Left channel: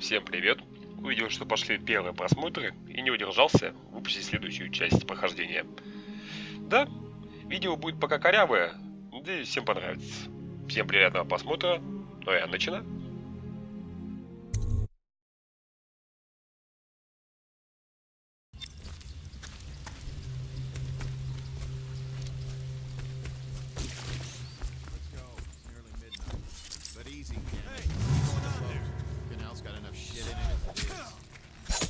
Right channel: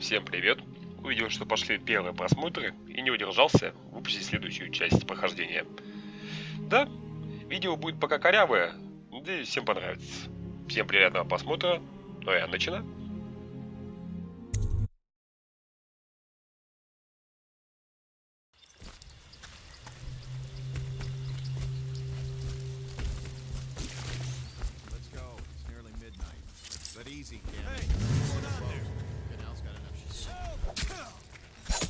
Всем привет! Увидел, что пошли первые просмотры и не удержался выпустить следующую часть прохождения. Да, видео будет пока корявое, надеюсь, всем понравится. Всем приятного просмотра, ну я начинаю. Canal's got enough shit in it.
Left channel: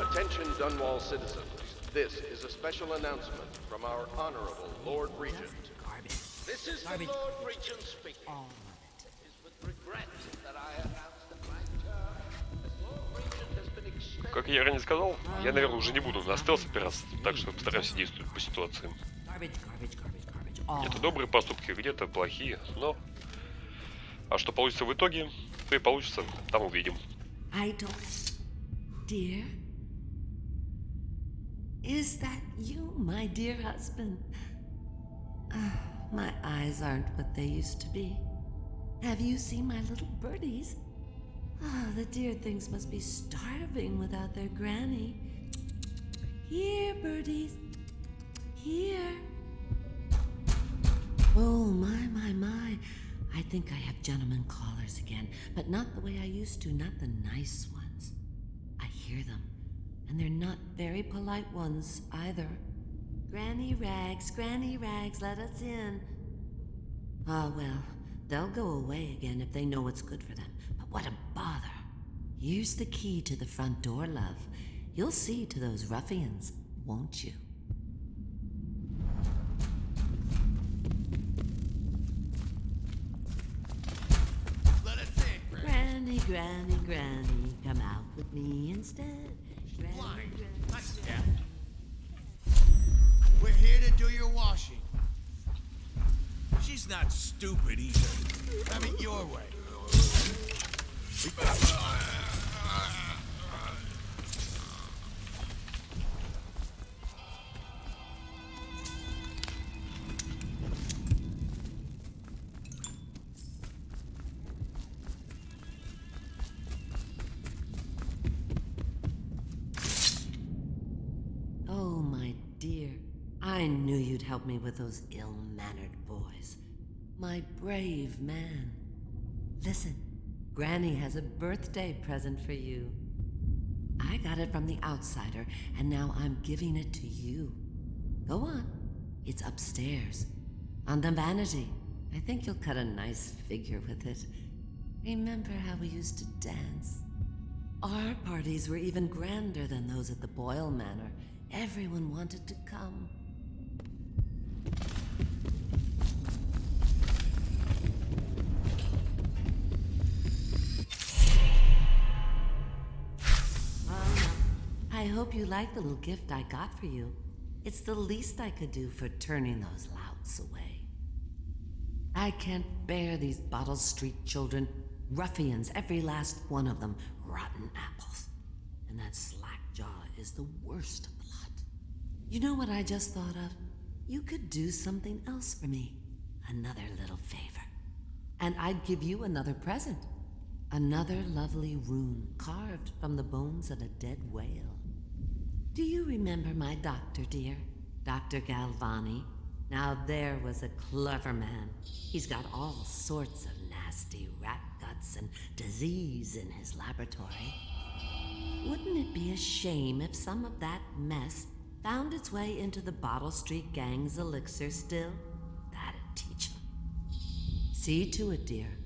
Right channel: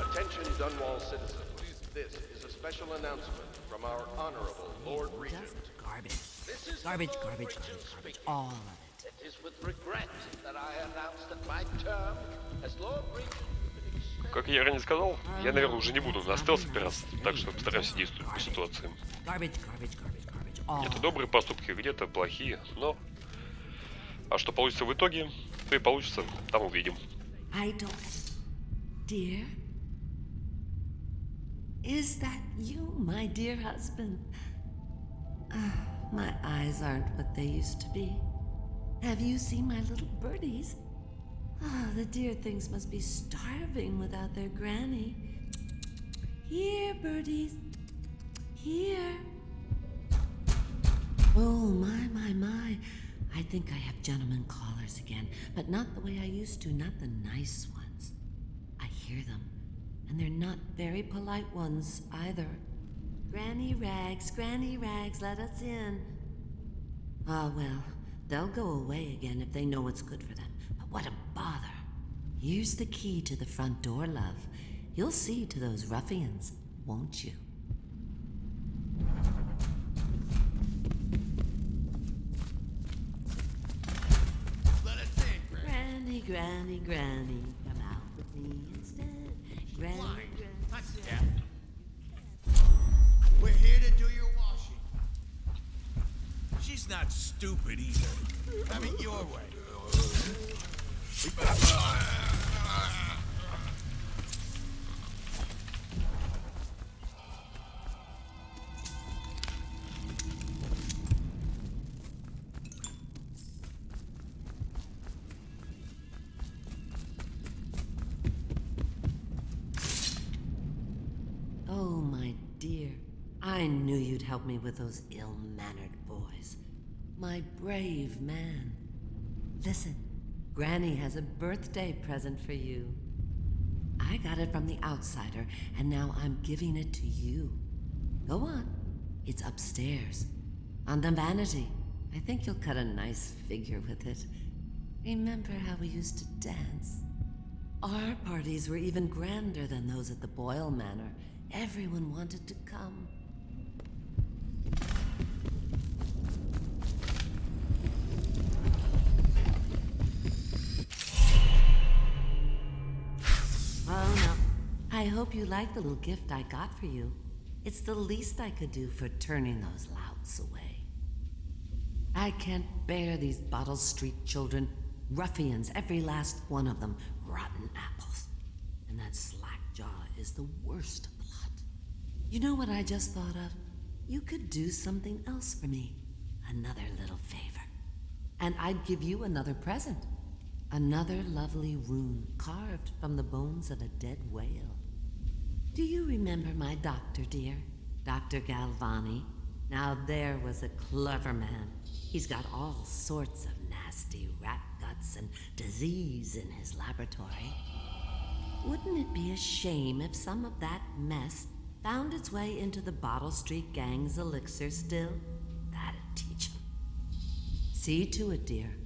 Attention Dunwall citizens. This is a special announcement from our Honorable Lord Regent. Garbage. This is Garbage, the Lord garbage, Regent garbage. speaking. All of it. It is with regret that I announce that my term as Lord Regent has been extended. Как я ранее сказал, я, наверное, уже не буду на стелс опираться, так что постараемся действовать по ситуации. Garbage, garbage, garbage, garbage. All Где-то of добрые поступки, где-то плохие, но... А что получится в итоге, то и получится, там увидим. I don't. Dear? Is that you, my dear husband? My eyes aren't what they used to be. Have you seen my little birdies? The dear things must be starving without their granny. Here, birdies. Here. Oh, my. I think I have gentlemen callers again, but not the way I used to, not the nice ones. I hear them, and they're not very polite ones either. Granny Rags, let us in. Ah, well, they'll go away again if they know what's good for them, but what a bother. Here's the key to the front door, love. You'll see to those ruffians, won't you? Let us in, Granny, come out with me instead. Granny, blind, Granny. not deaf. We're here to do your washing. She's not stupid either. Have it your way. Oh, my dear. I knew you'd help me with those ill-mannered boys. My brave man. Listen, Granny has a birthday present for you. I got it from the outsider, and now I'm giving it to you. Go on. It's upstairs. On the vanity. I think you'll cut a nice figure with it. Remember how we used to dance? Our parties were even grander than those at the Boyle Manor. Everyone wanted to come. Oh no. I hope you like the little gift I got for you. It's the least I could do for turning those louts away. I can't bear these Bottle Street children. Ruffians, every last one of them. Rotten apples. And that slack jaw is the worst of the lot. You know what I just thought of? You could do something else for me. Another little favor. And I'd give you another present. Another lovely rune carved from the bones of a dead whale. Do you remember my doctor, dear? Dr. Galvani? Now there was a clever man. He's got all sorts of nasty rat guts and disease in his laboratory. Wouldn't it be a shame if some of that mess found its way into the Bottle Street Gang's elixir still? That'd teach him. See to it, dear.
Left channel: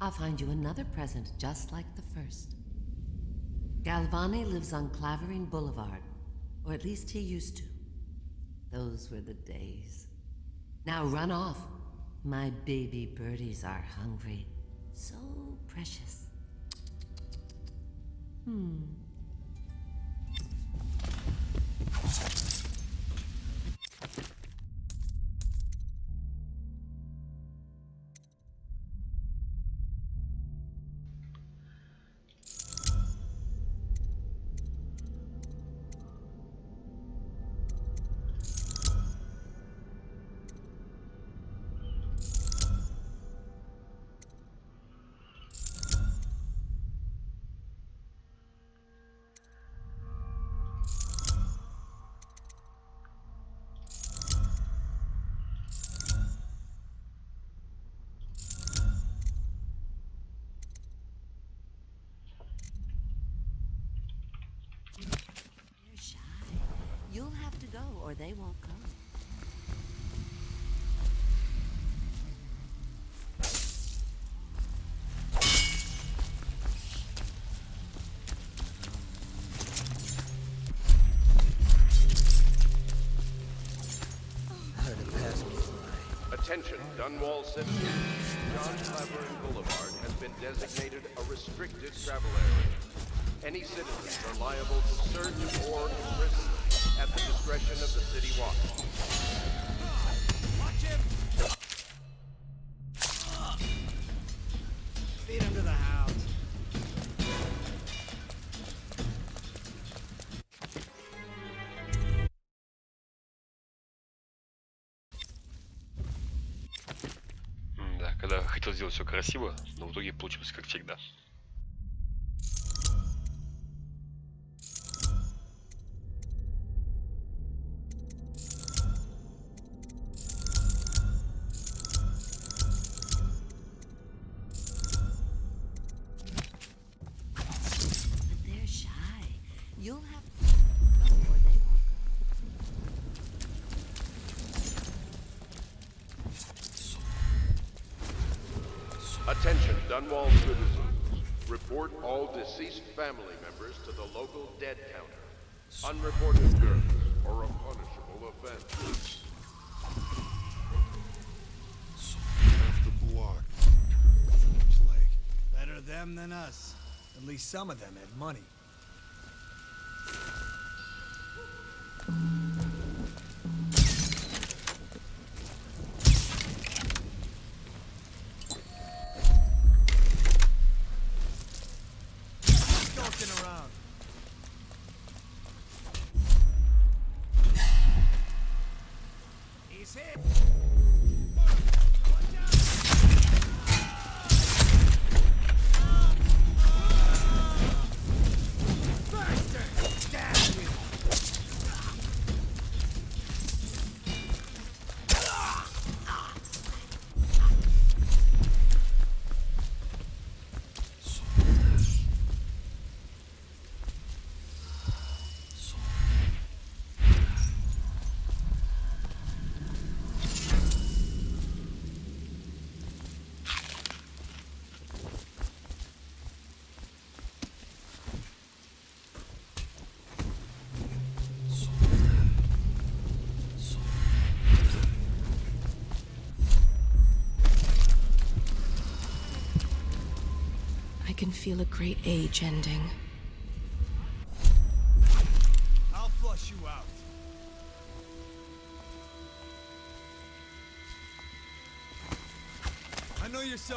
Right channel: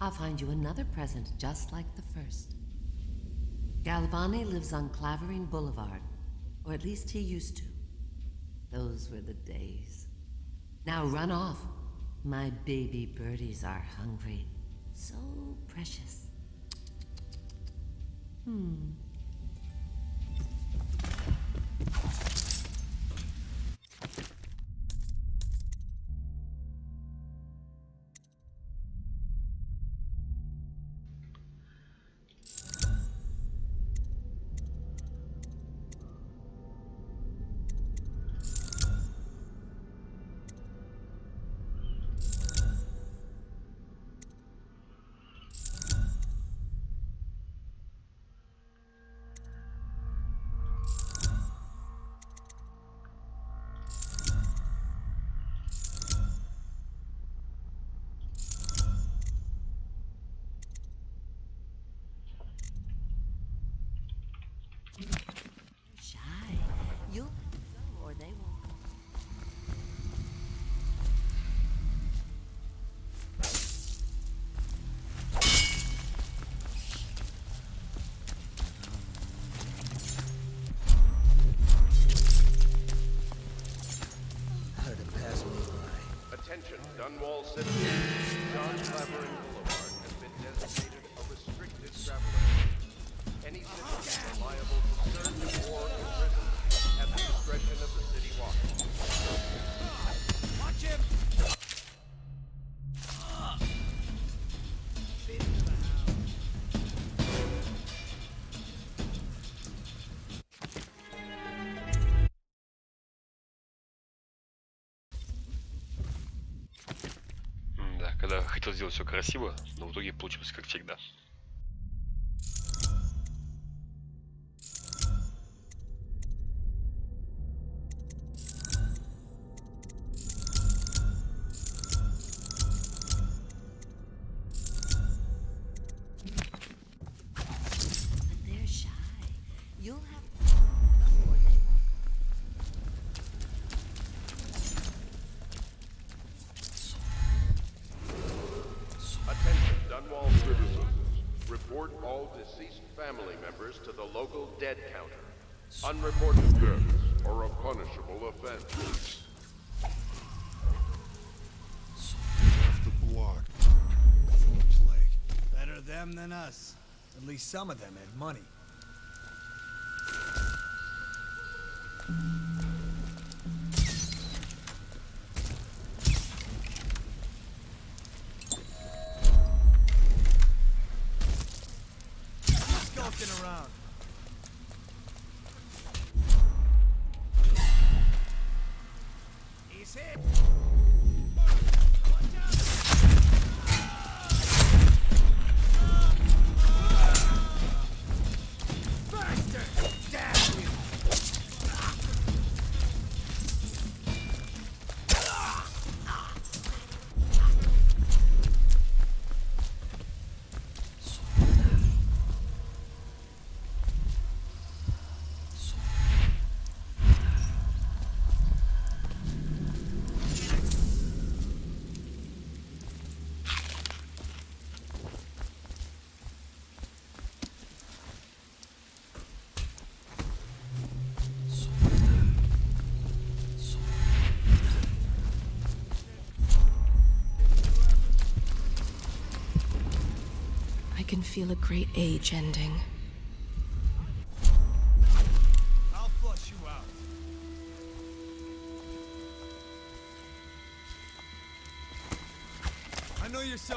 I'll find you another present just like the first. Galvani lives on Clavering Boulevard, or at least he used to. Those were the days. Now run off. My baby birdies are hungry. So precious. You'll have to go or they won't come. Attention, Dunwall citizens. John Clavering Boulevard has been designated a restricted travel area. Any citizens are liable to search or imprison at the discretion of the city watch. Watch him! Feed him to the house. Да, когда хотел сделать все красиво, но в итоге получилось как всегда. But they're shy. You'll have to go or they won't come. Attention, Dunwall citizens. Report all deceased family members to the local dead counter. Unreported deaths are a punishable offense. Half the block. From the plague. Better them than us. At least some of them had money. Skulking around. He's hit. Watch out! Bastard! Damn you! I can feel a great age ending. I'll flush you out. I know you're so.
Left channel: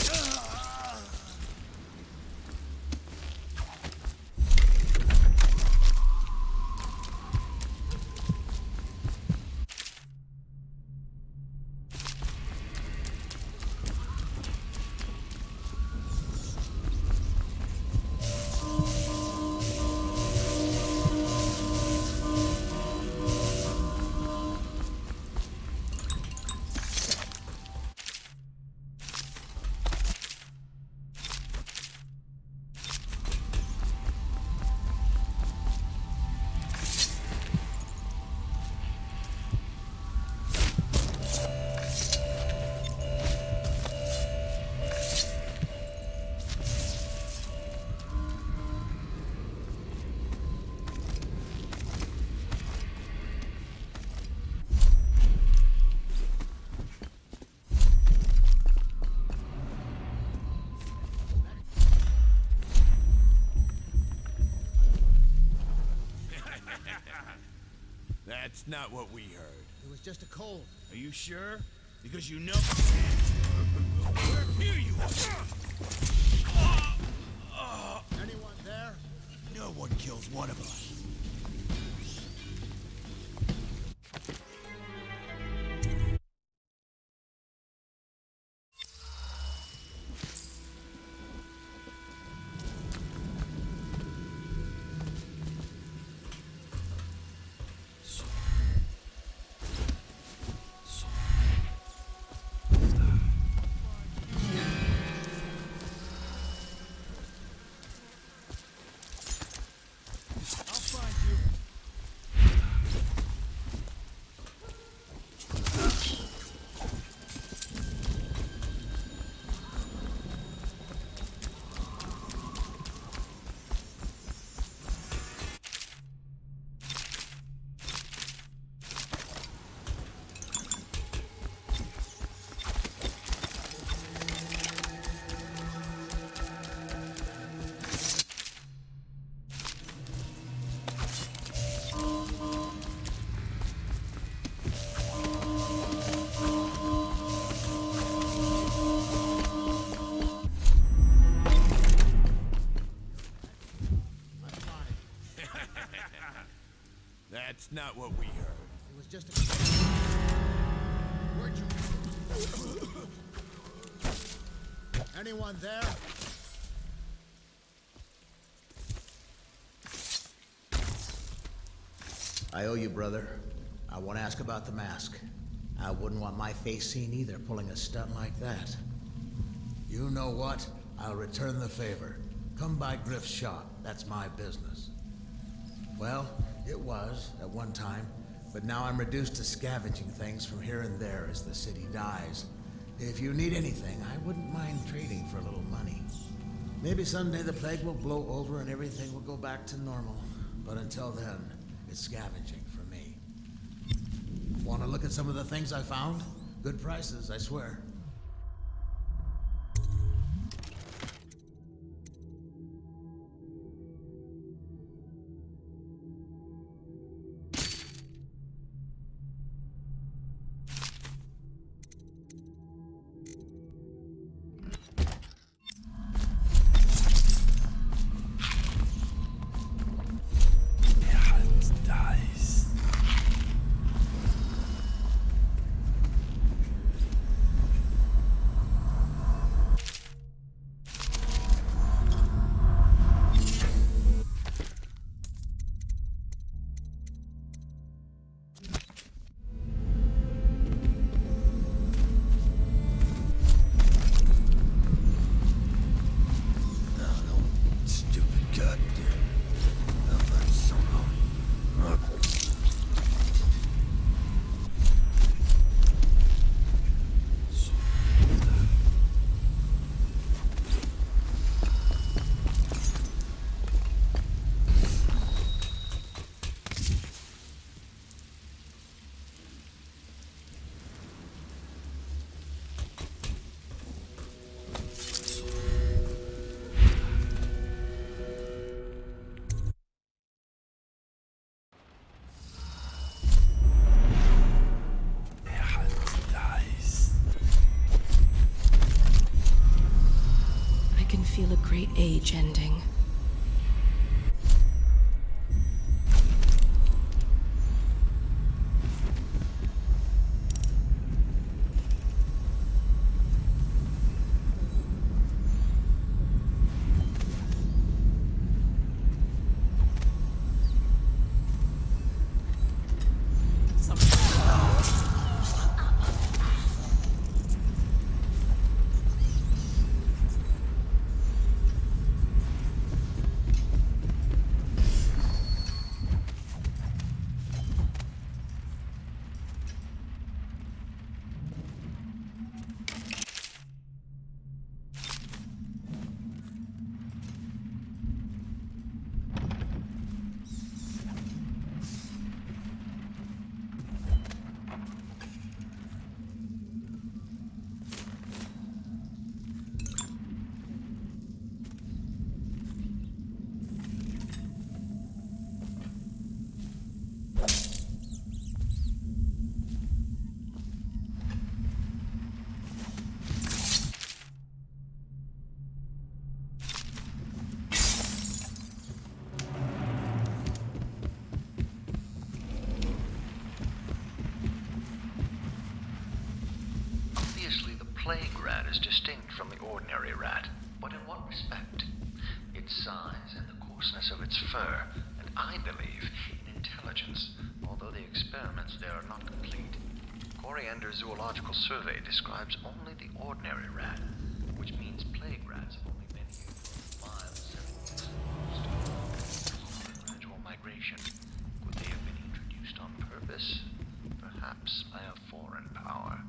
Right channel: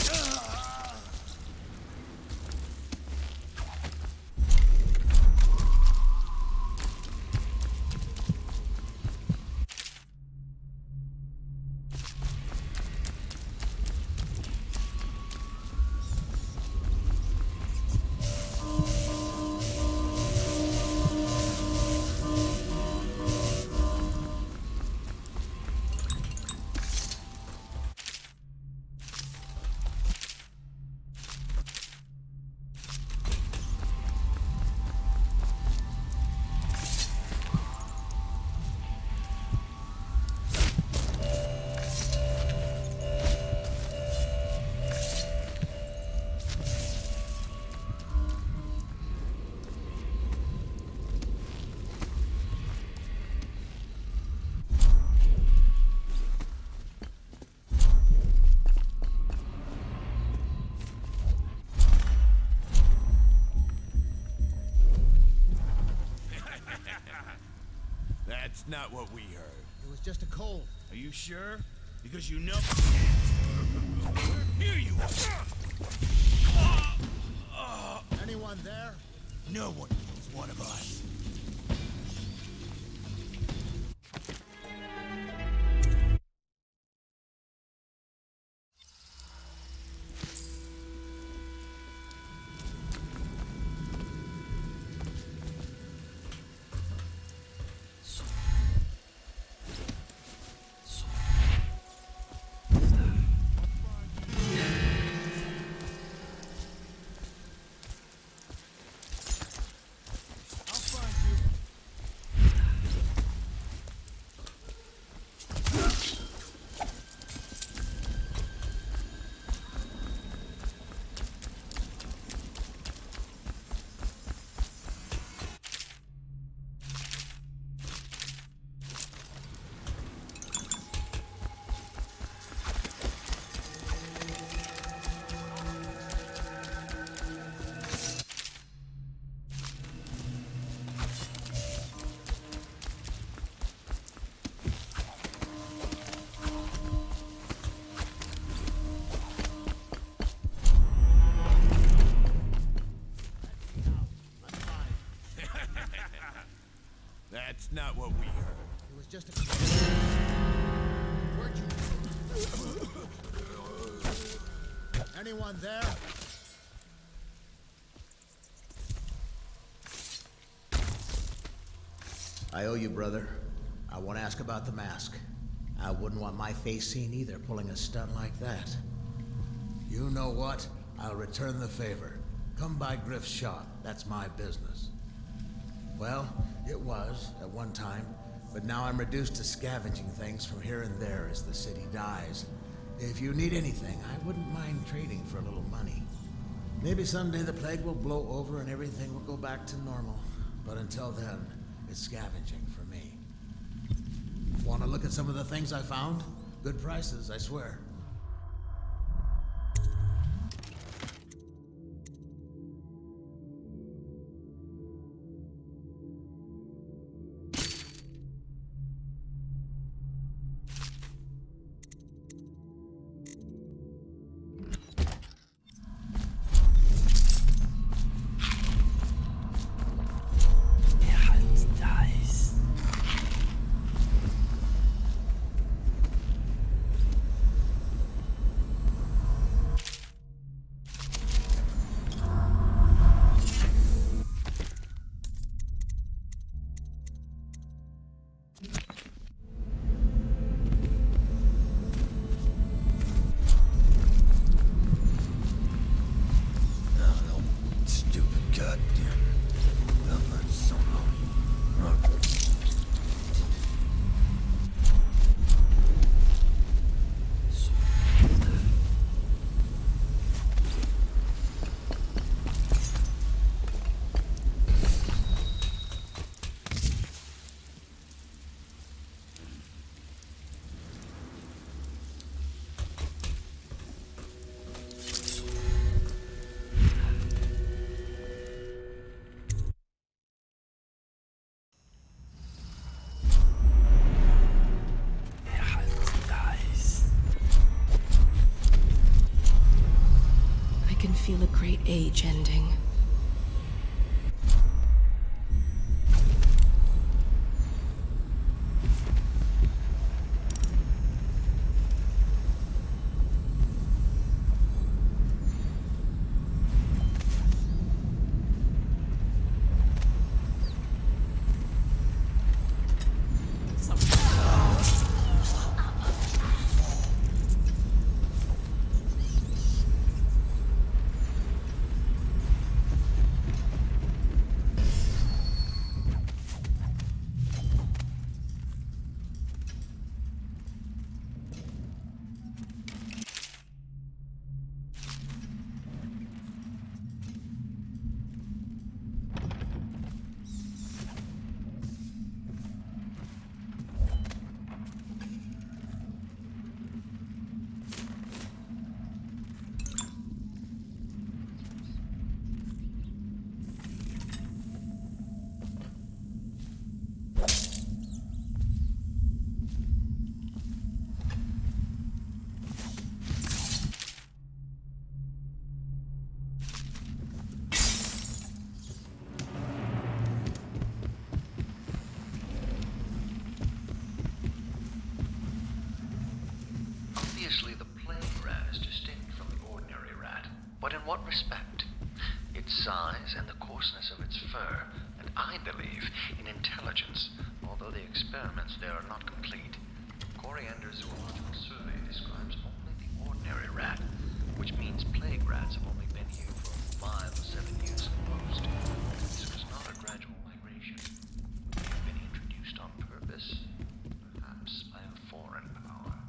That's not what we heard. It was just a cold. Are you sure? Because you know. Here you are. Anyone there? No one kills one of us. I'll find That's not what we heard. It was just a... Where'd you... Anyone there? I owe you, brother. I won't ask about the mask. I wouldn't want my face seen either, pulling a stunt like that. You know what? I'll return the favor. Come by Griff's shop. That's my business. Well, it was at one time, but now I'm reduced to scavenging things from here and there as the city dies. If you need anything, I wouldn't mind trading for a little money. Maybe someday the plague will blow over and everything will go back to normal. But until then, it's scavenging for me. Want to look at some of the things I found? Good prices, I swear. respect. Its size and the coarseness of its fur, and I believe in intelligence, although the experiments there are not complete. Coriander's zoological survey describes only the ordinary rat, which means plague rats have only been here for 5 or 7 years at most. This was not a gradual migration. Could they have been introduced on purpose? Perhaps by a foreign power.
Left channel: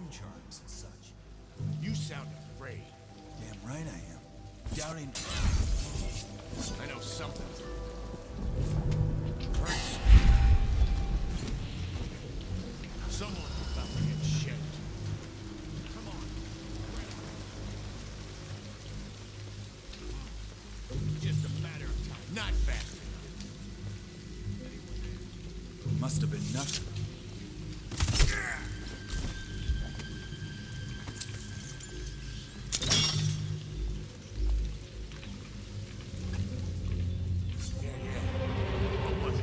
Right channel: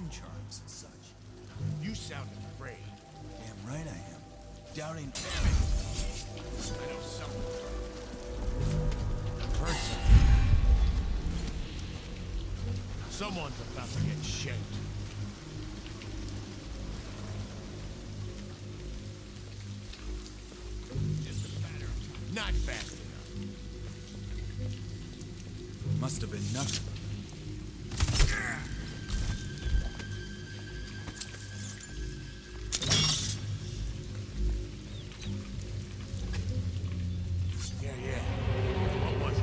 own charms and such. You sound afraid. Damn right I am. Doubting. I know something's wrong. Heard something. Someone's about to get shanked. Just a matter of time. Not fast enough. Must have been nothing. Yeah. What was it?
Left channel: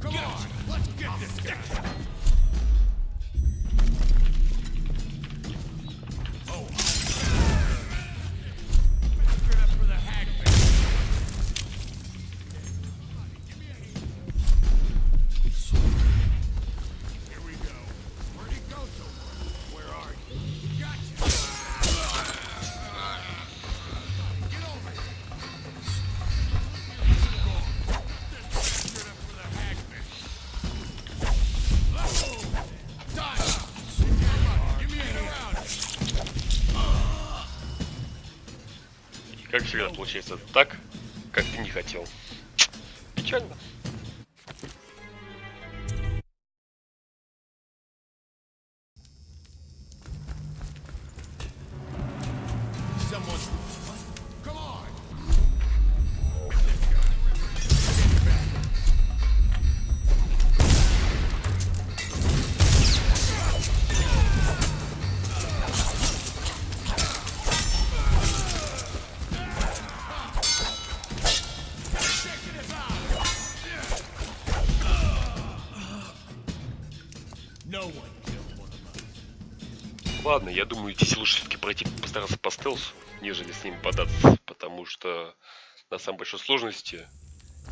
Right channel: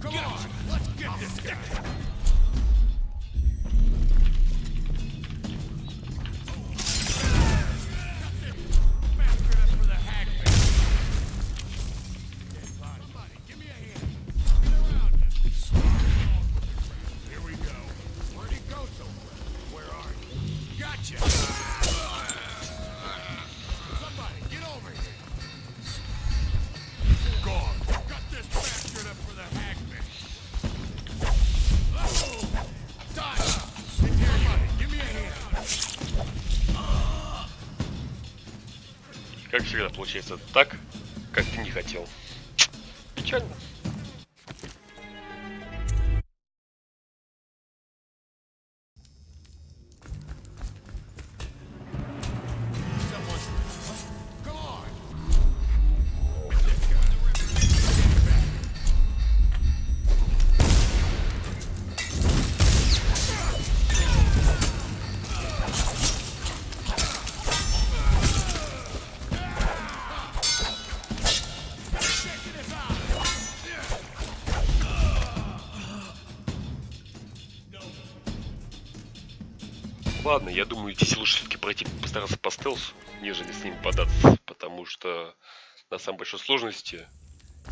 Come on, let's get this guy. Как всегда получается так, как ты не хотел. Печально. Ладно, я думаю, здесь лучше все-таки пройти, постараться по стелсу, нежели с ним податься, потому что на самой большой сложности,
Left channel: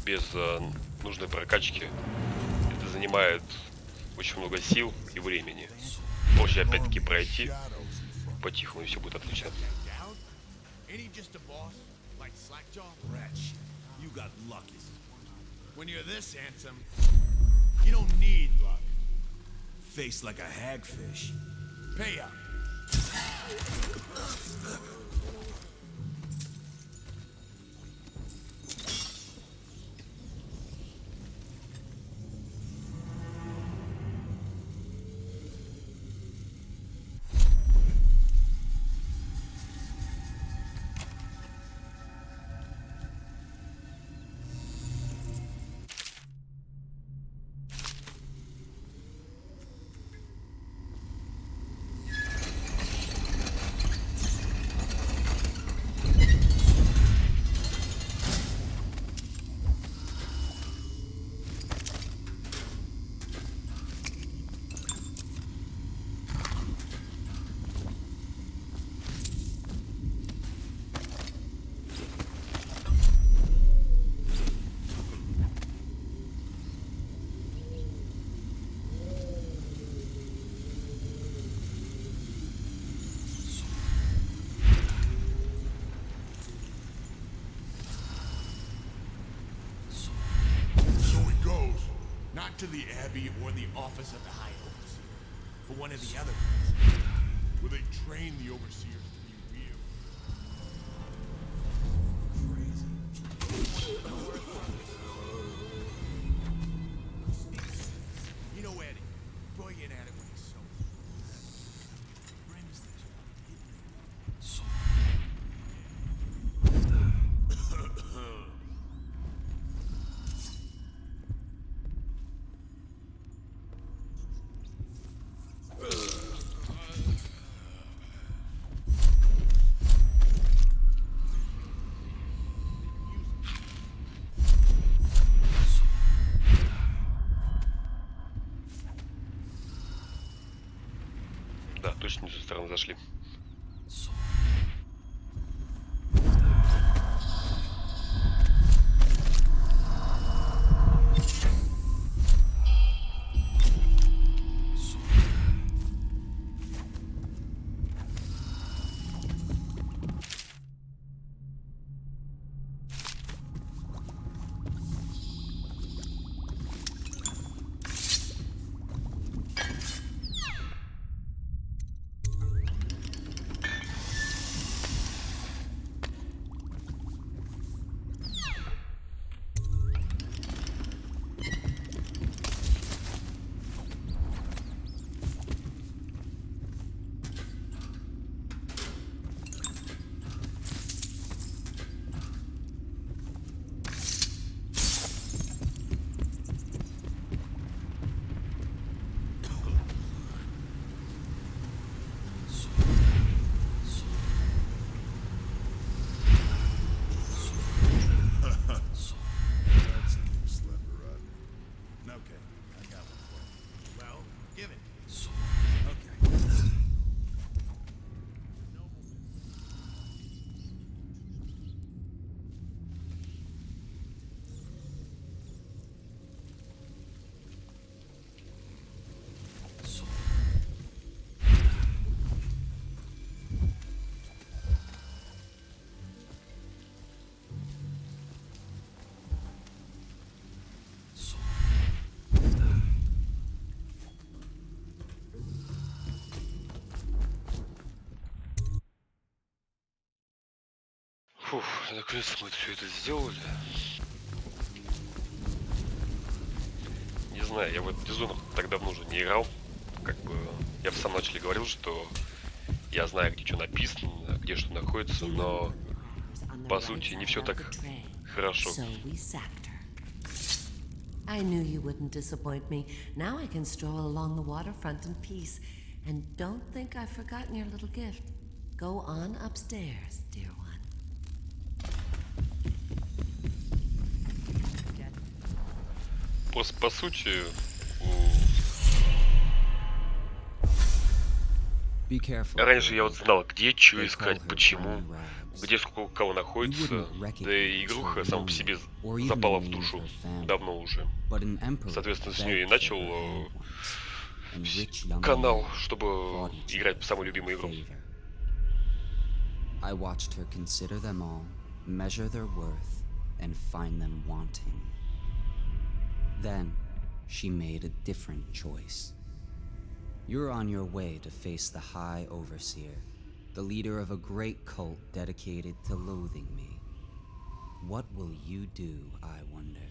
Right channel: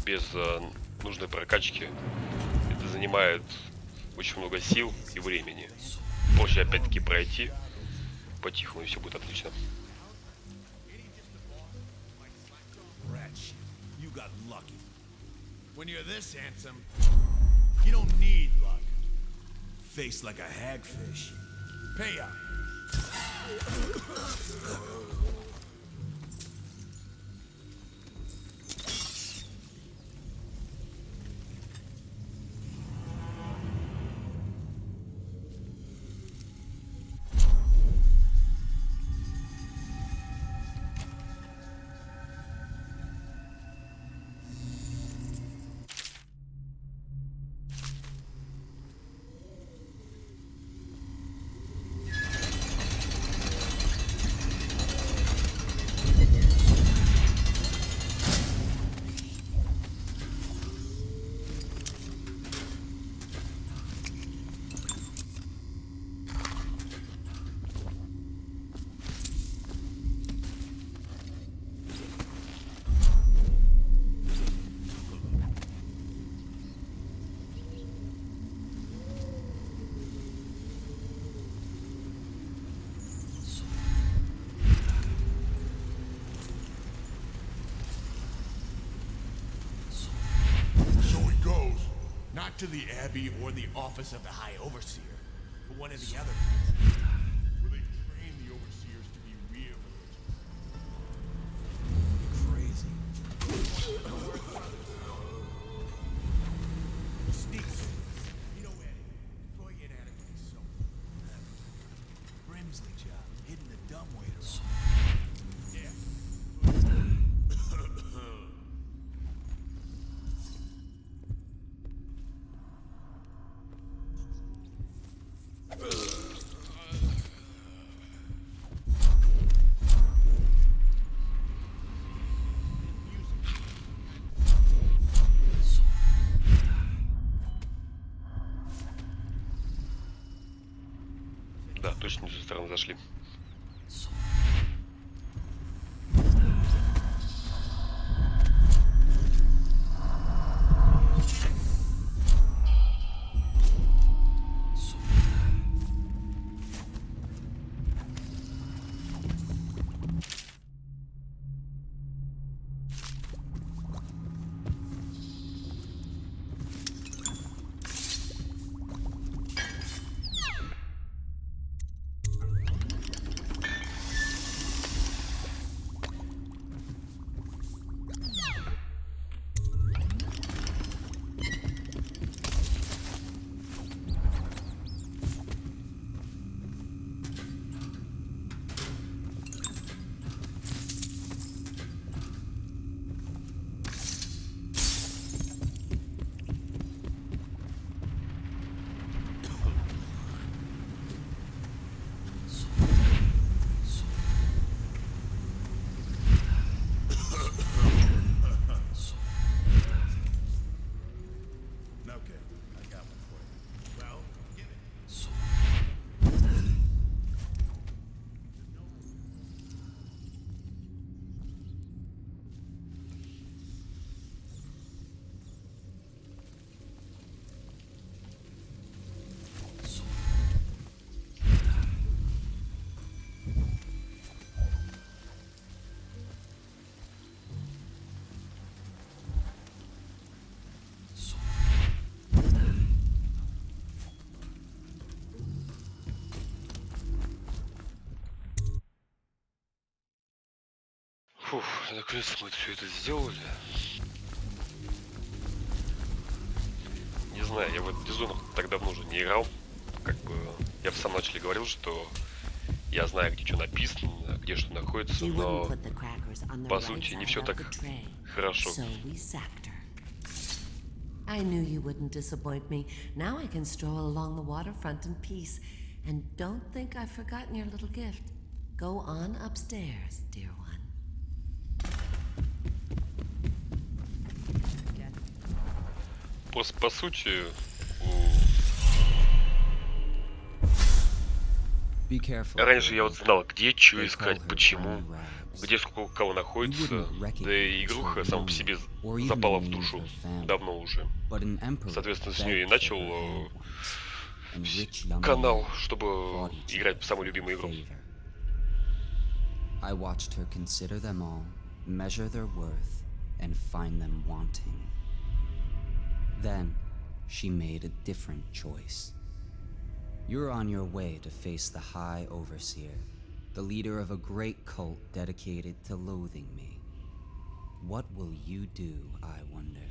без нужной прокачки, это занимает очень много сил и времени. Проще опять-таки пройти по-тихому, и все будет отлично. Face like a hagfish. Pay up. Not to the Abbey or the office of the High Overseer, but one of the other places, where they train the Overseers to be real. Crazy. Sneak. You know Eddie. Boy get at it when he's so. Brim's the job, hitting the dumb way to yeah. Да, точно не с той стороны зашли. Okay, I got one for you. Well, give it. Фух, наконец-то мы все это сделали. Не знаю, я в этот Dishonored так давно уже не играл. Как бы я в самом начале говорил, что я знаю, где что написано, где что находится, но по сути не все так хорошо. I knew you wouldn't disappoint me. Now I can stroll along the waterfront in peace. And don't think I've forgotten your little gift. Go on upstairs, dear one. Просто по сути, раньше я вот знал, где что искать, почему, где сколько у кого находится, да и игруха сама по себе запала в душу давно уже. Соответственно, с нее и начал канал, чтобы играть в самую любимую игру. I watched her consider them all, measure their worth, and find them wanting. Then, she made a different choice. You're on your way to face the High Overseer, the leader of a great cult dedicated to loathing me. What will you do, I wonder?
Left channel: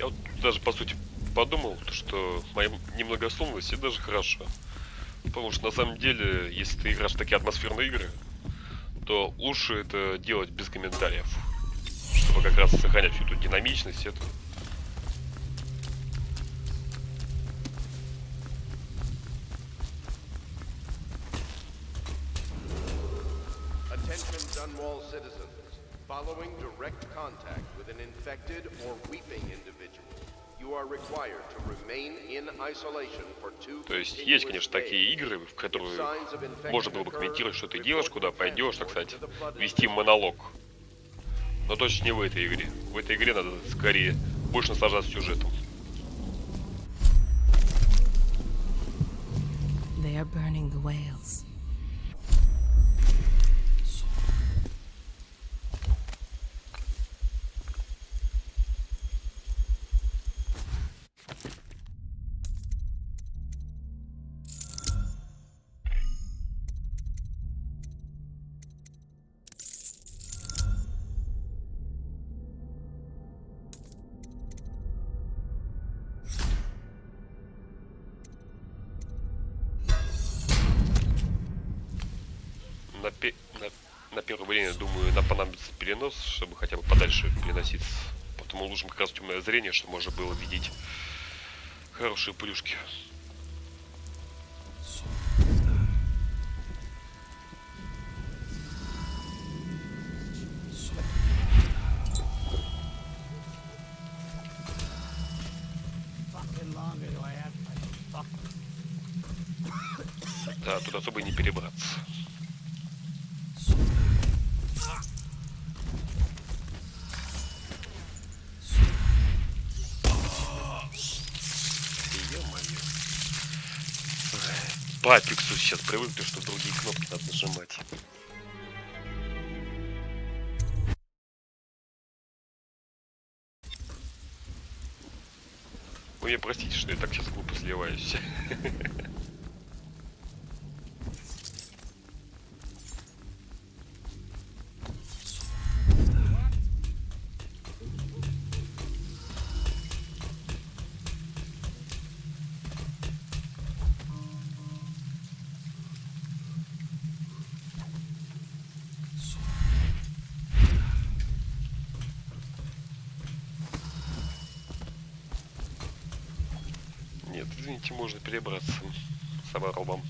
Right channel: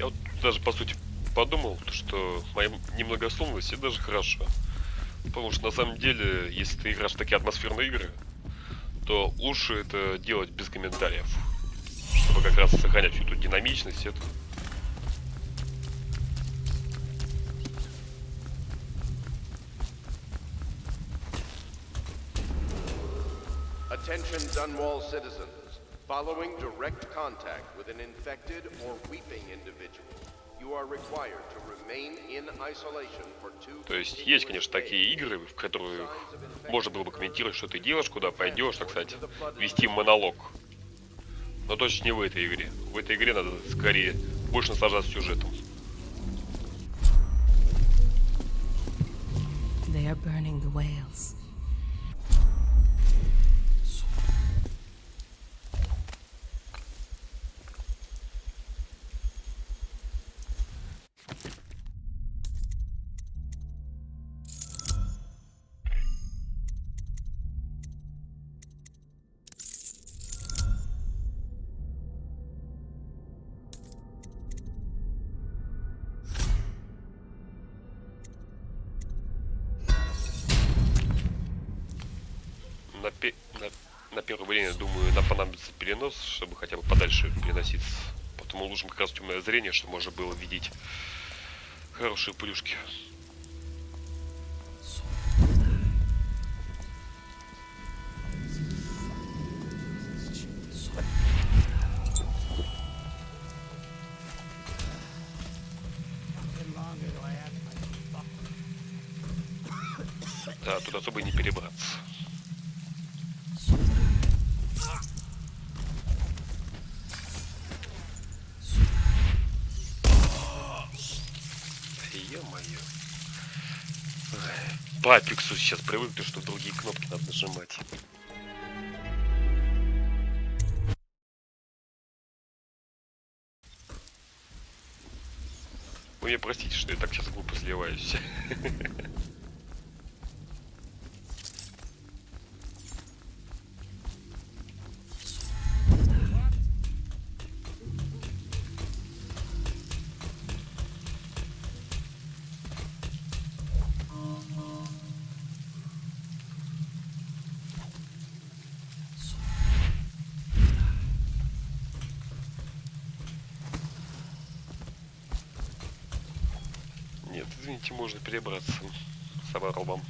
Я вот даже по сути подумал, что моя немногословность это даже хорошо. Потому что на самом деле, если ты играешь в такие атмосферные игры, то лучше это делать без комментариев. Чтобы как раз сохранять всю эту динамичность, это. Attention Dunwall citizens. Following direct contact with an infected or weeping individual, you are required to remain in isolation for 2 То есть есть, конечно, такие игры, в которые можно было бы комментировать, что ты делаешь, куда пойдешь, так сказать, вести монолог. Но точно не в этой игре. В этой игре надо скорее больше наслаждаться сюжетом. На первое время, думаю, нам понадобится перенос, чтобы хотя бы подальше переноситься. Потом улучшим как раз темное зрение, чтобы можно было видеть хорошие плюшки. Да, тут особо и не перебраться. Ё-моё. По апексу сейчас привыкли, что другие кнопки надо нажимать. Вы меня простите, что я так сейчас глупо сливаюсь. Нет, извините, можно перебраться с оборвом.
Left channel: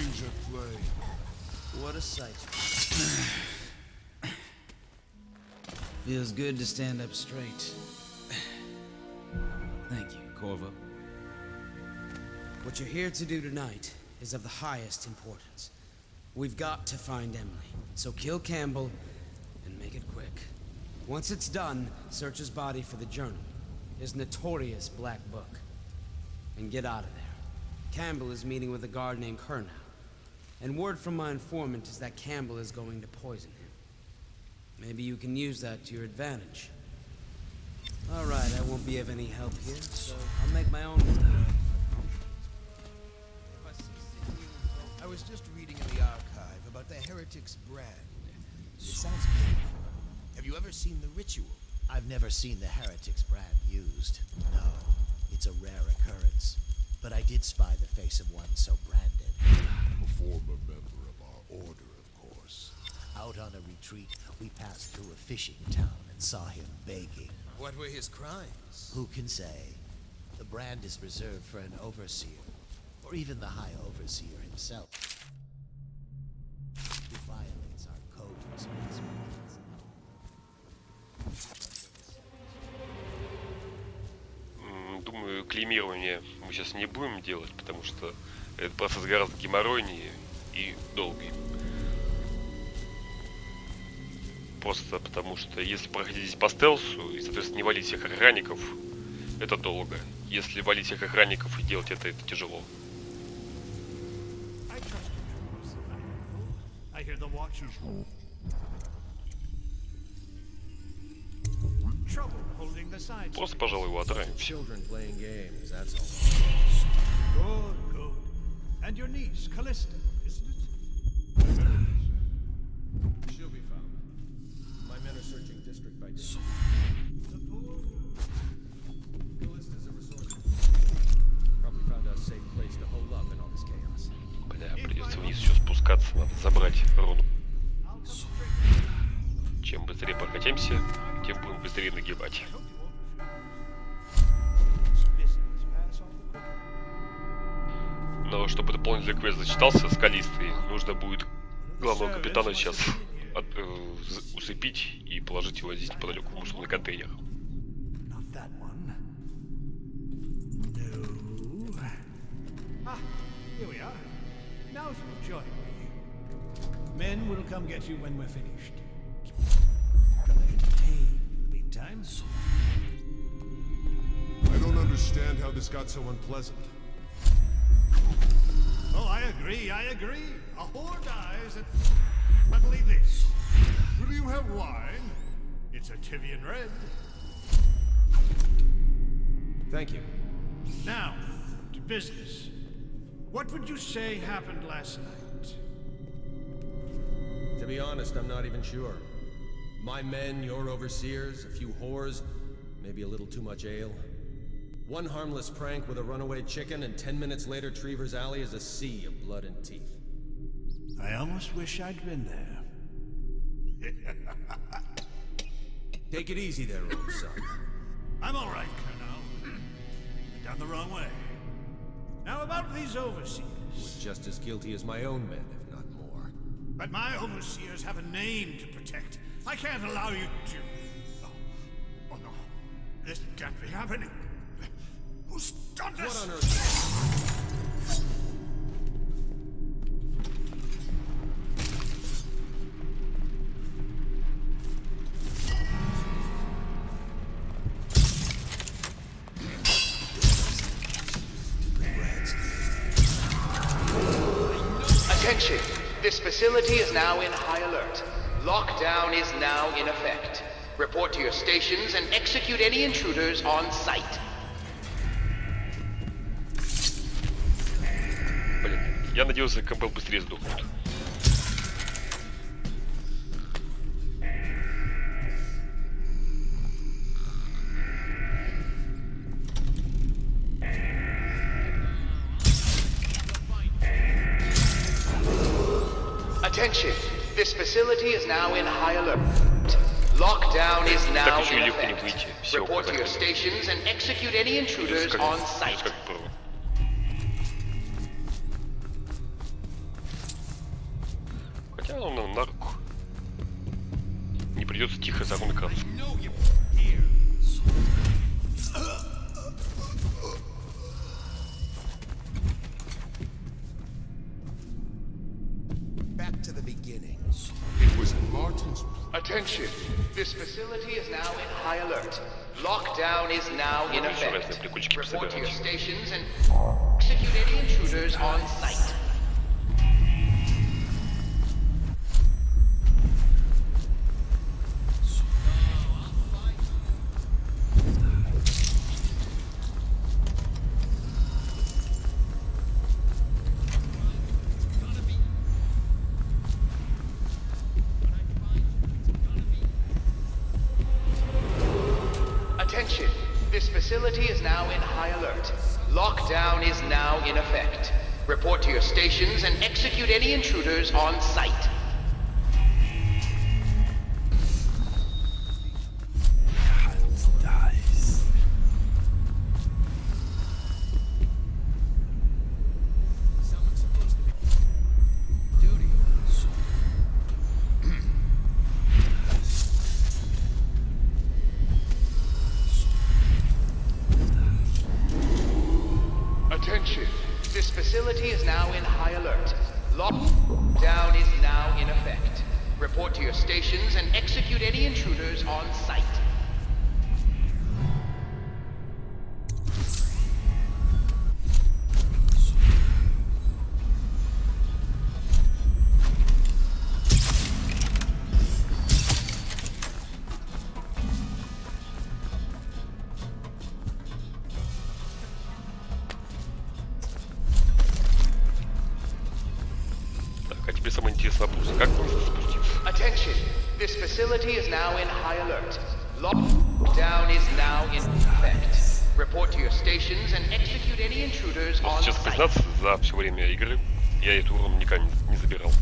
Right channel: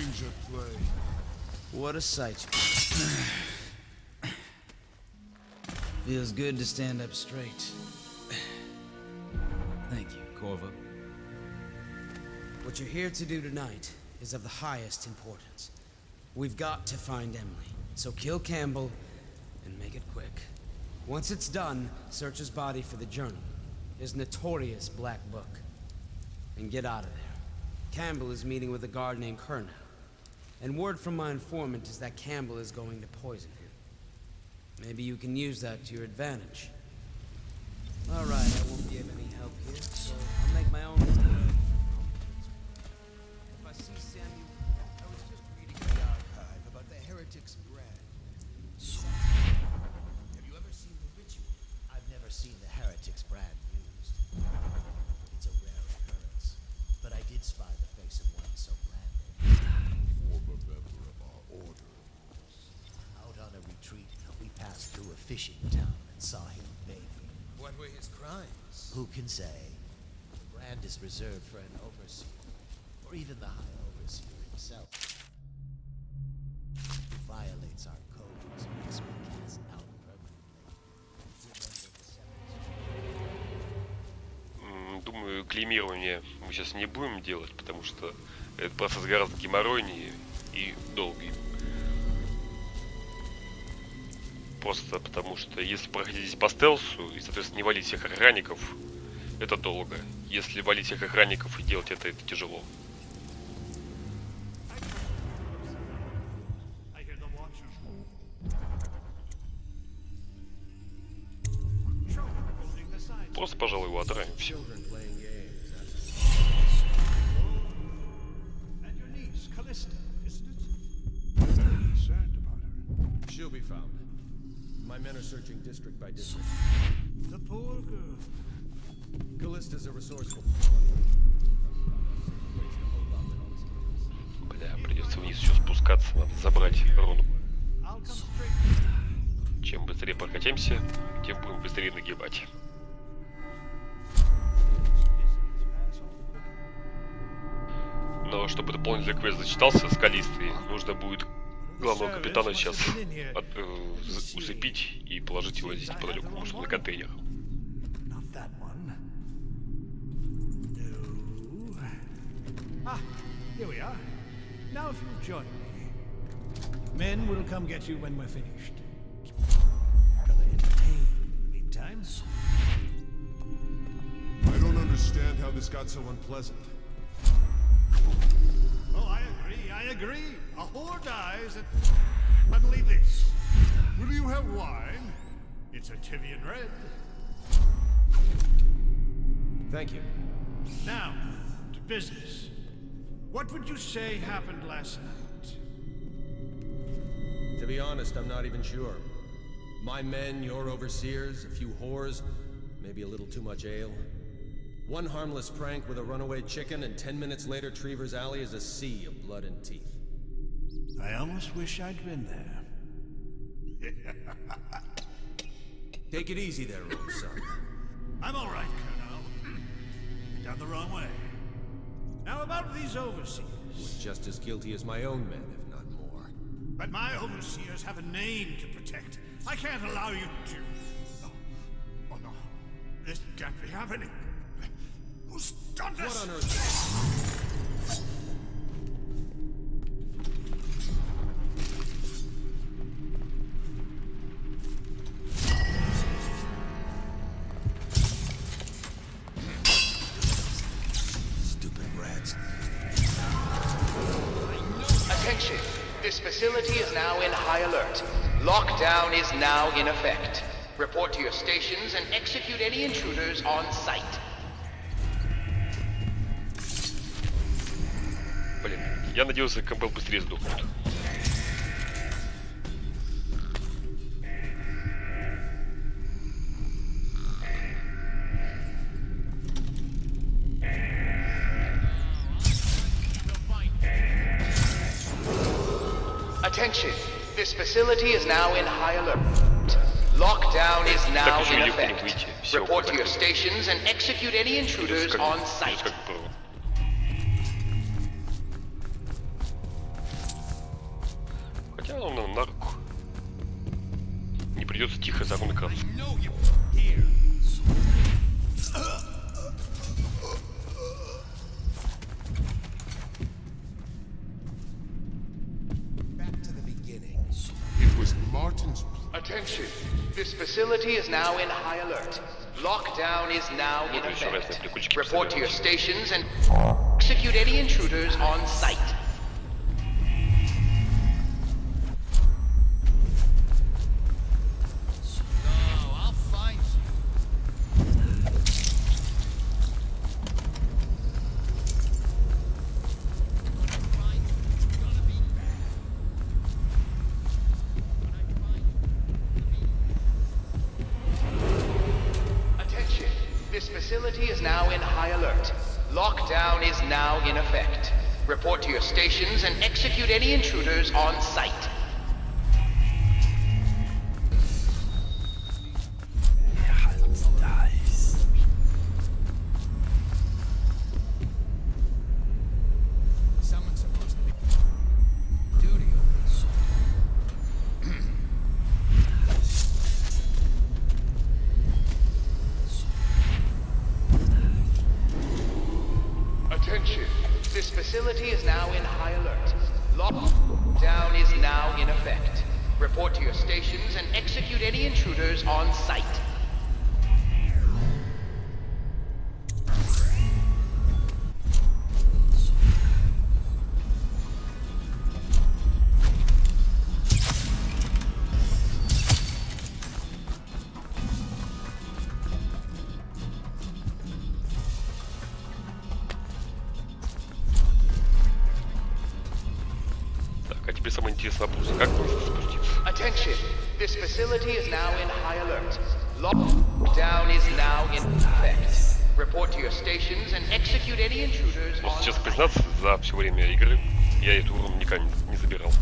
change of play. What a sight. Feels good to stand up straight. Thank you, Corvo. What you're here to do tonight is of the highest importance. We've got to find Emily, so kill Campbell and make it quick. Once it's done, search his body for the journal, his notorious black book, and get out of there. Campbell is meeting with a guard named Colonel, and word from my informant is that Campbell is going to poison him. Maybe you can use that to your advantage. All right, I won't be of any help here, so I'll make my own way. If I see Samuel... I was just reading in the archive about the Heretic's brand. It sounds beautiful. Have you ever seen the ritual? I've never seen the Heretic's brand used. No, it's a rare occurrence. But I did spy the face of one so branded. A former member of our order, of course. Out on a retreat, we passed through a fishing town and saw him begging. What were his crimes? Who can say? The brand is reserved for an overseer, or even the High Overseer himself. Who violates our codes and makes my kids out permanently. Думаю, клеймирование мы сейчас не будем делать, потому что этот процесс гораздо геморройнее и долгий. Просто потому что если проходить здесь по стелсу и, соответственно, не валить всех охранников, это долго. Если валить всех охранников и делать это тяжело. Просто, пожалуй, его отравим. My men are searching district by district. The poor girl. Callista's a resourceful. Probably found a safe place to hold up in all this chaos. Бля, придется вниз еще спускаться, надо забрать руну. Чем быстрее прокатимся, тем будем быстрее нагибать. Но чтобы дополнительный квест зачитался скалистый, нужно будет главного капитана сейчас усыпить и положить его здесь неподалеку, может, на контейнер. Here we are. Now if you'll join me. Men will come get you when we're finished. Gonna entertain in the meantime. I don't understand how this got so unpleasant. Oh, I agree. A whore dies and suddenly this. Will you have wine? It's a Tivian red. Thank you. Now, to business. What would you say happened last night? To be honest, I'm not even sure. My men, your overseers, a few whores, maybe a little too much ale. One harmless prank with a runaway chicken, and 10 minutes later, Trevor's Alley is a sea of blood and teeth. I almost wish I'd been there. Take it easy there, old son. I'm all right, Colonel. You're down the wrong way. Now about these overseers. Was just as guilty as my own men, if not more. But my overseers have a name to protect. I can't allow you to... Oh no. This can't be happening. Who's done this? What on earth? Attention! This facility is now in high alert. Lockdown is now in effect. Report to your stations and execute any intruders on site. Блин, я надеялся, Кэмпбелл быстрее сдохнет. Attention! This facility is now in high alert. Lockdown is now in effect. Report to your stations and execute any intruders on site. он нам на руку. Не придется тихо замыкаться. Attention! This facility is now in high alert. Lockdown is now in effect. Report to your stations and execute any intruders on site. This facility is now in high alert. Lockdown is now in effect. Report to your stations and execute any intruders on site. Attention! This facility is now in high alert. Lockdown is now in effect. Report to your stations and execute any intruders on site. А теперь самое интересное вопрос. Как вниз спуститься? Attention! This facility is now in high alert. Lockdown is now in effect. Report to your stations and execute any intruders on Сейчас site. признаться, за все время игры я эту уровень никогда не забирал.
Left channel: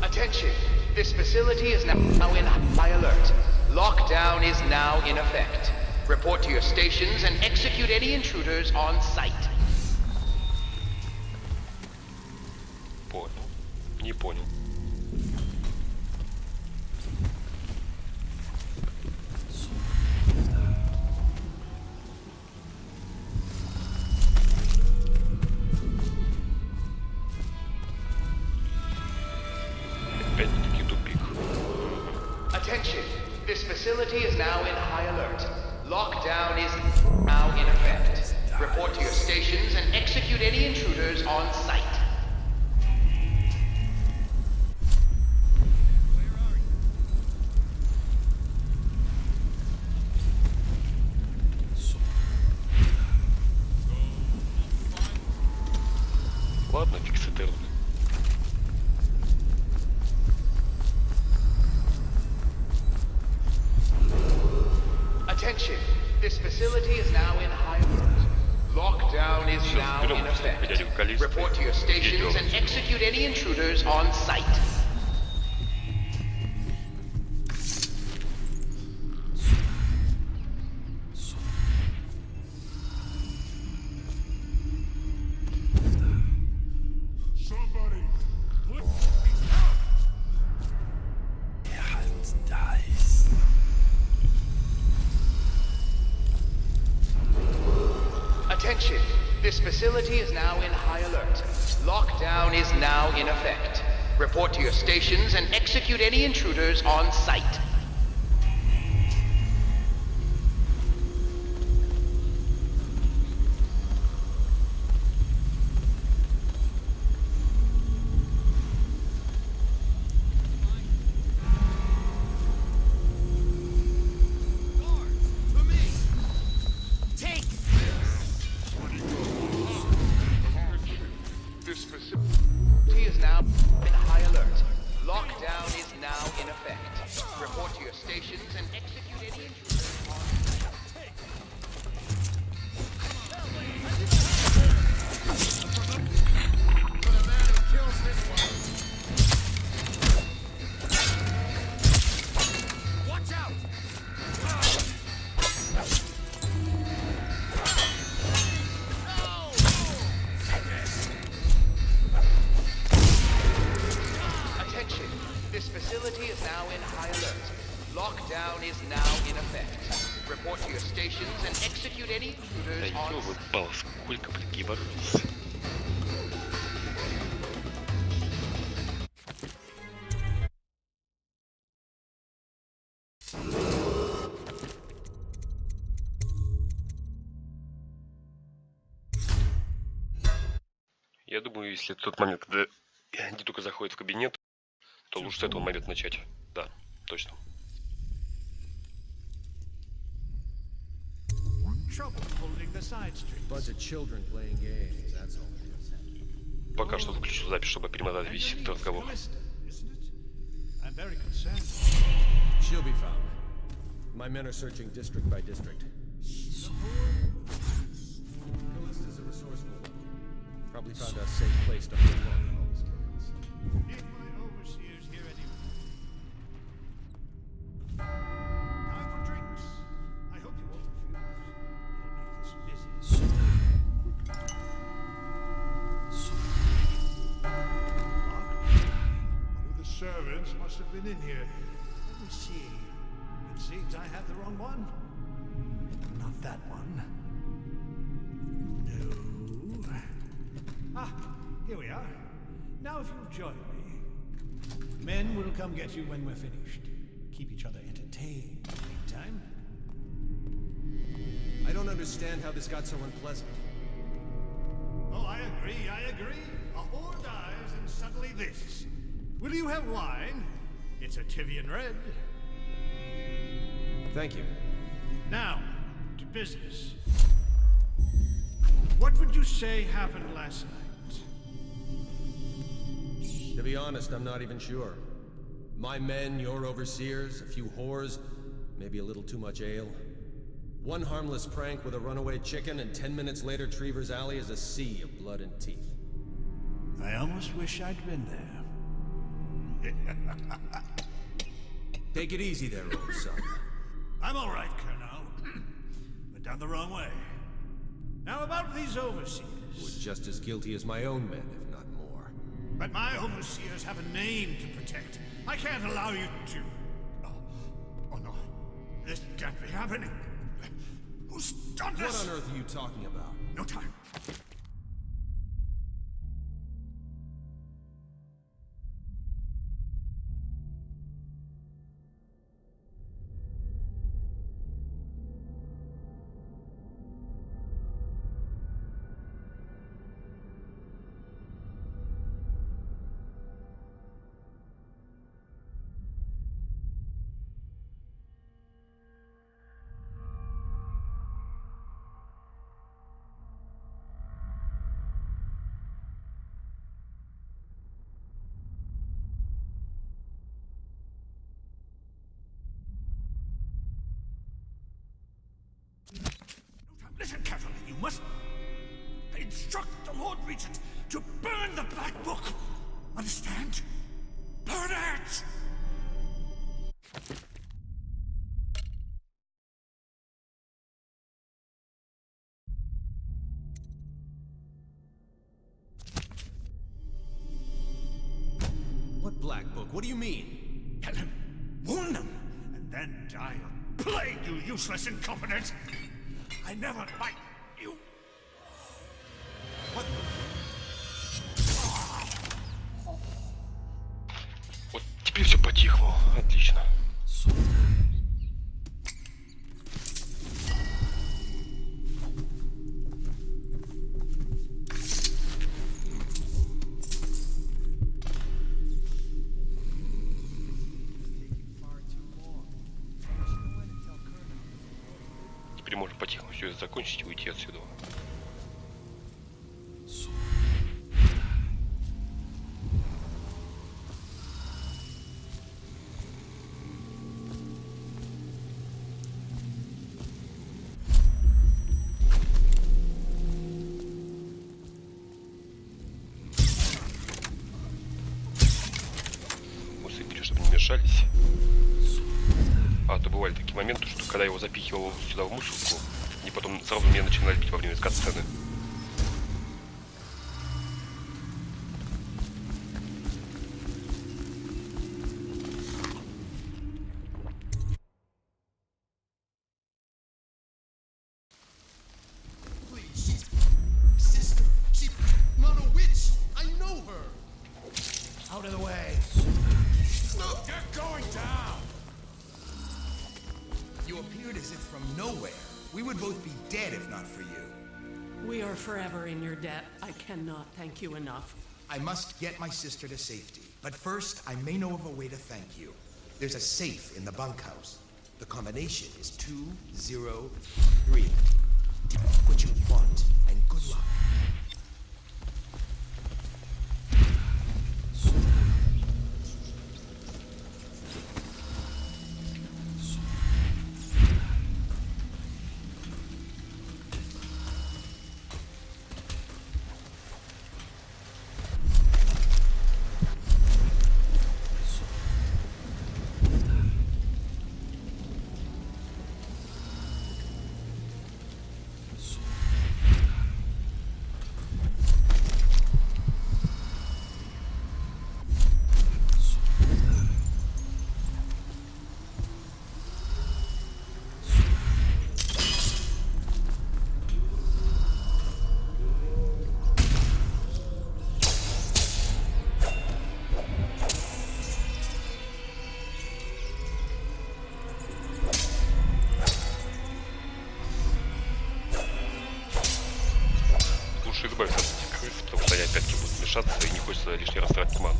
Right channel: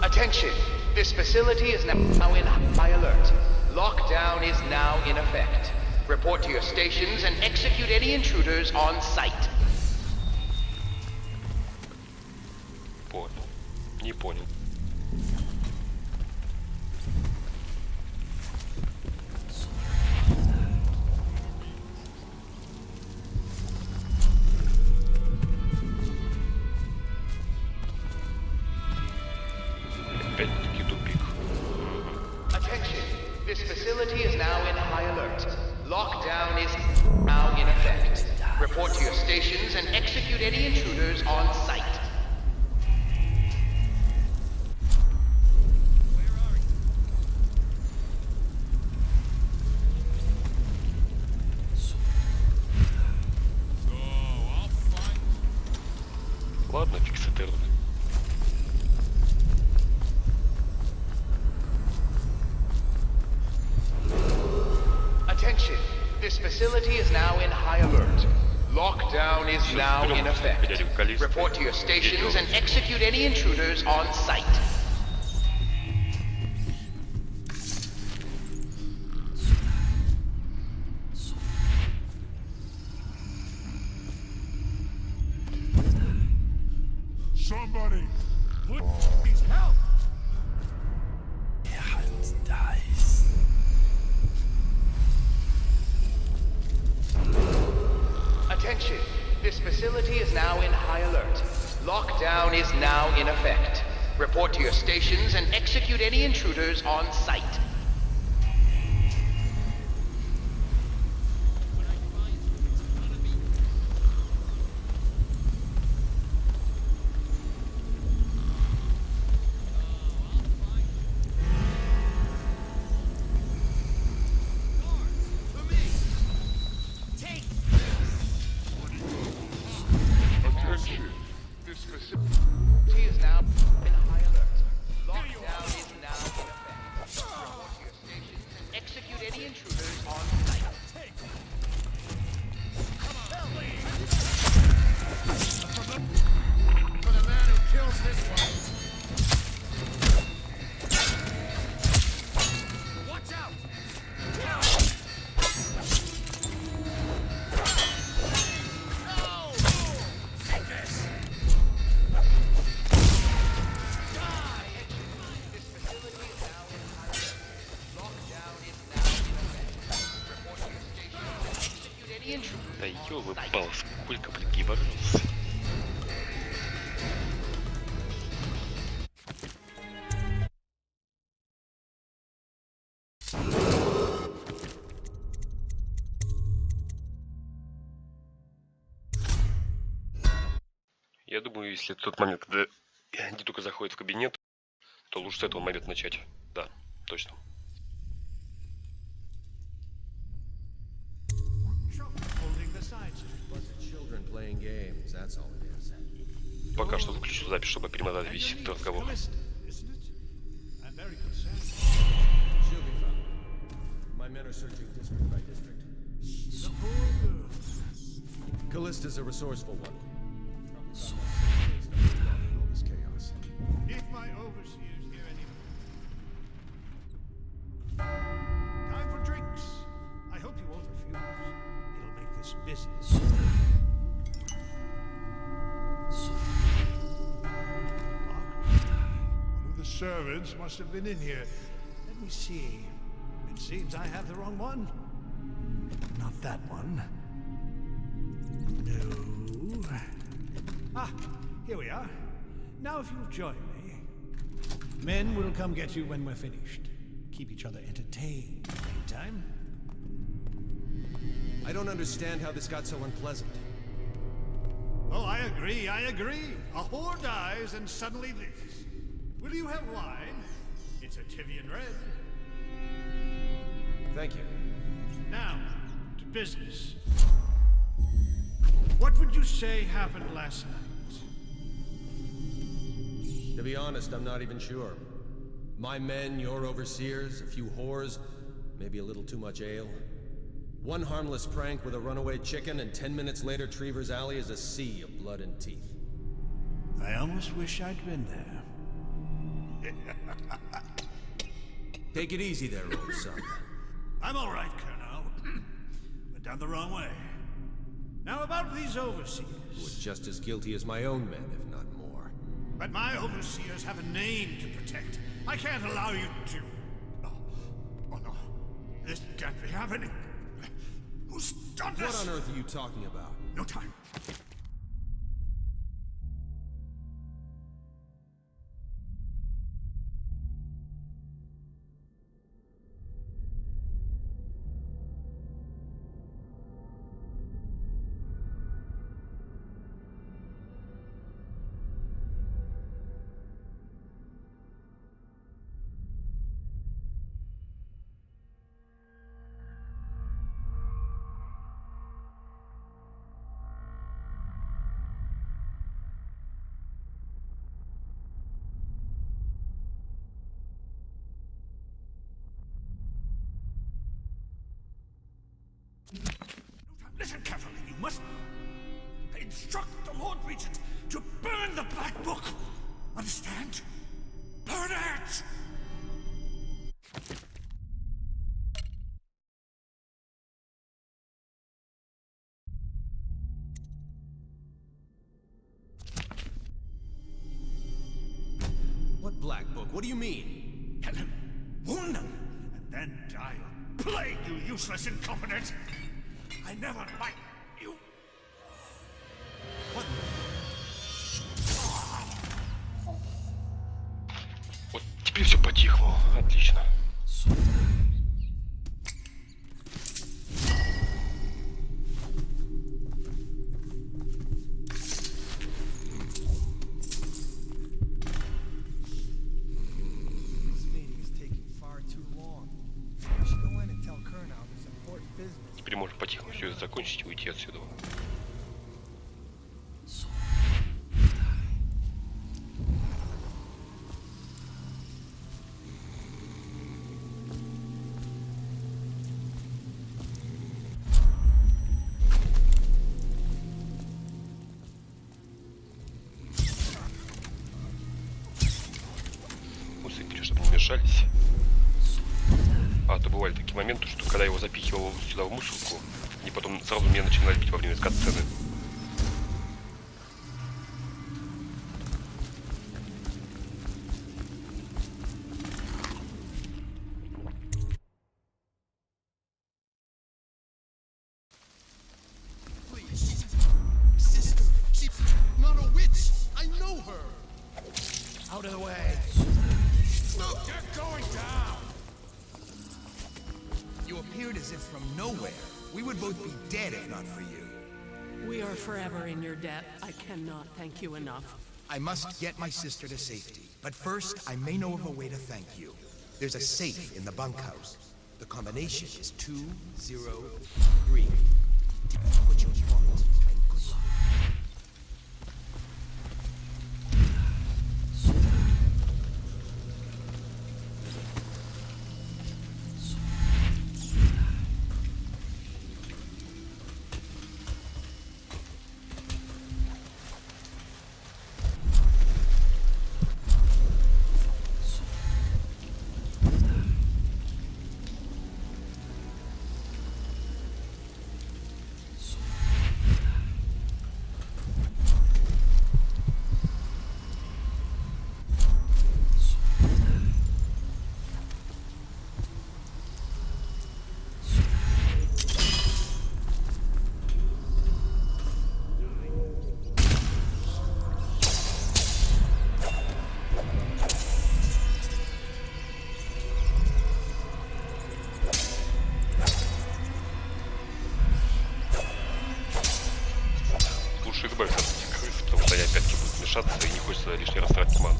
Attention! This facility is now in high alert. Lockdown is now in effect. Report to your stations and execute any intruders on site. Понял. Не понял. Опять-таки тупик. Attention! This facility is now in high alert. Lockdown is now in effect. Report to your stations and execute any intruders on site. Ладно, фиг с этой руки. Attention! This facility is now in high alert. Lockdown is now in effect. Report to your stations and execute any intruders on site. Somebody, please help! Attention! This facility is now in high alert. Lockdown is now in effect. Report to your stations and execute any intruders on site. Attention! This facility. He is now in high alert. Lockdown is now in effect. Report Attention, this facility is now in high alert. Lockdown is now in effect. Report to your stations and execute any intruders Да on site. ёлы-палы, сколько, блин, гибарился. Я думаю, если тот момент, когда они только заходят в кабинет, то лучше с этого момента начать. Да, точно. Пока что выключу запись, чтобы перемотать весь этот разговор. She'll be found. My men are searching district by district. Callista's a resourceful one. Probably found a safe place to hold on in all this chaos. If my overseers hear anyone. Time for drinks. I hope you won't refuse. It'll make this busy. Locked? One of the servants must have been in here. Let me see. It seems I have the wrong one. Not that one. No. Ah, here we are. Now if you'll join me. Men will come get you when we're finished. Keep each other entertained in the meantime. I don't understand how this got so unpleasant. Oh, I agree, I agree. A whore dies and suddenly this. Will you have wine? It's a Tivian red. Thank you. Now, to business. What would you say happened last night? To be honest, I'm not even sure. My men, your overseers, a few whores, maybe a little too much ale. One harmless prank with a runaway chicken, and 10 minutes later, Trevor's Alley is a sea of blood and teeth. I almost wish I'd been there. Take it easy there, old son. I'm all right, Colonel. Went down the wrong way. Now about these overseers. Who are just as guilty as my own men, if not more. But my overseers have a name to protect. I can't allow you to... Oh no. This can't be happening. Who's done this? What on earth are you talking about? No time. Listen carefully, you must... I instruct the Lord Regent to burn the Black Book. Understand? Burn it! What Black Book? What do you mean? Tell him. Warn them. And then die of plague, you useless incompetent! I never liked you. What? Вот теперь все по-тихому. Отлично. Теперь можно по-тихому все это закончить и уйти отсюда. Усыпили, чтобы не мешались. А то что бывали такие моменты, что когда его запихивал сюда в мусорку, и потом сразу меня начинали бить во время кат-сцены. Out of the way. You're going down. You appeared as if from nowhere. We would both be dead if not for you. We are forever in your debt. I cannot thank you enough. I must get my sister to safety. But first, I may know of a way to thank you. There's a safe in the bunkhouse. The combination is 203. What you want, and good luck. Лучше избавиться от этих крыс, потому что они опять-таки будут мешаться и не хочется лишний раз тратить ману.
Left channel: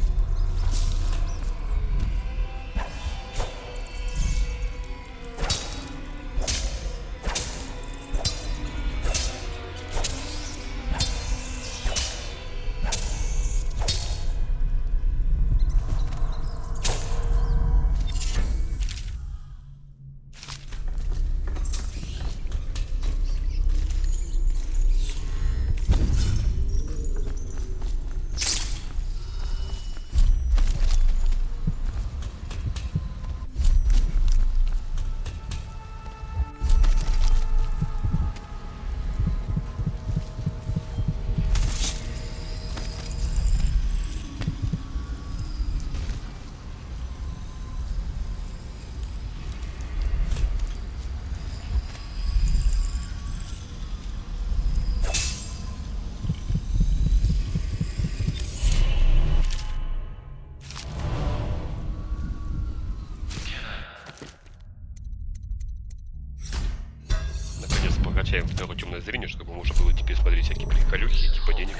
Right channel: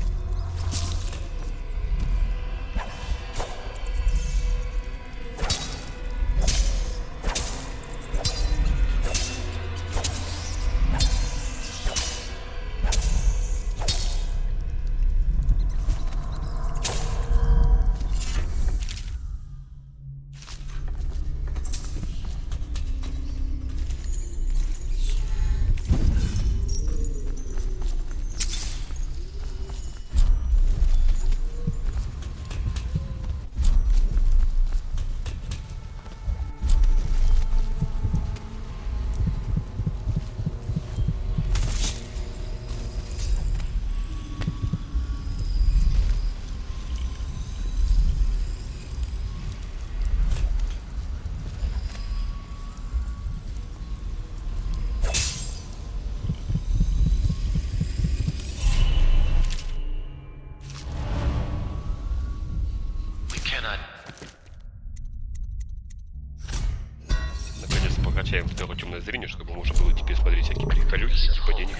Прокачаем второе темное зрение, чтобы можно было теперь смотреть всякие приколюхи типа денег.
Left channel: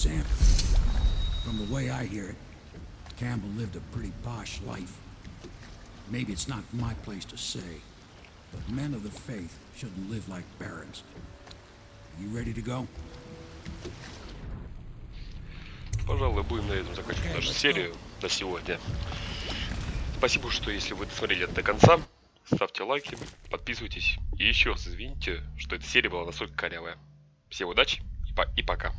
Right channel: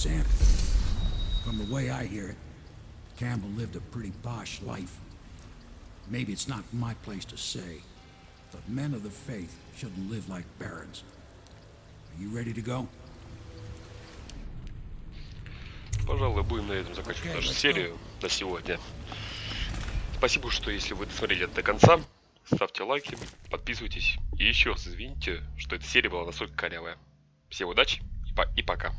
Sam. From the way I hear it, Campbell lived a pretty posh life. Maybe it's not my place to say, But men of the faith shouldn't live like barons. Are you ready to go? Пожалуй, будем на этом заканчивать нашу серию на сегодня. Спасибо, что если вы досмотрели это до конца, ставьте лайки, подписывайтесь. И еще раз извините, что эта серия была настолько корявая. Всем удачи и пока.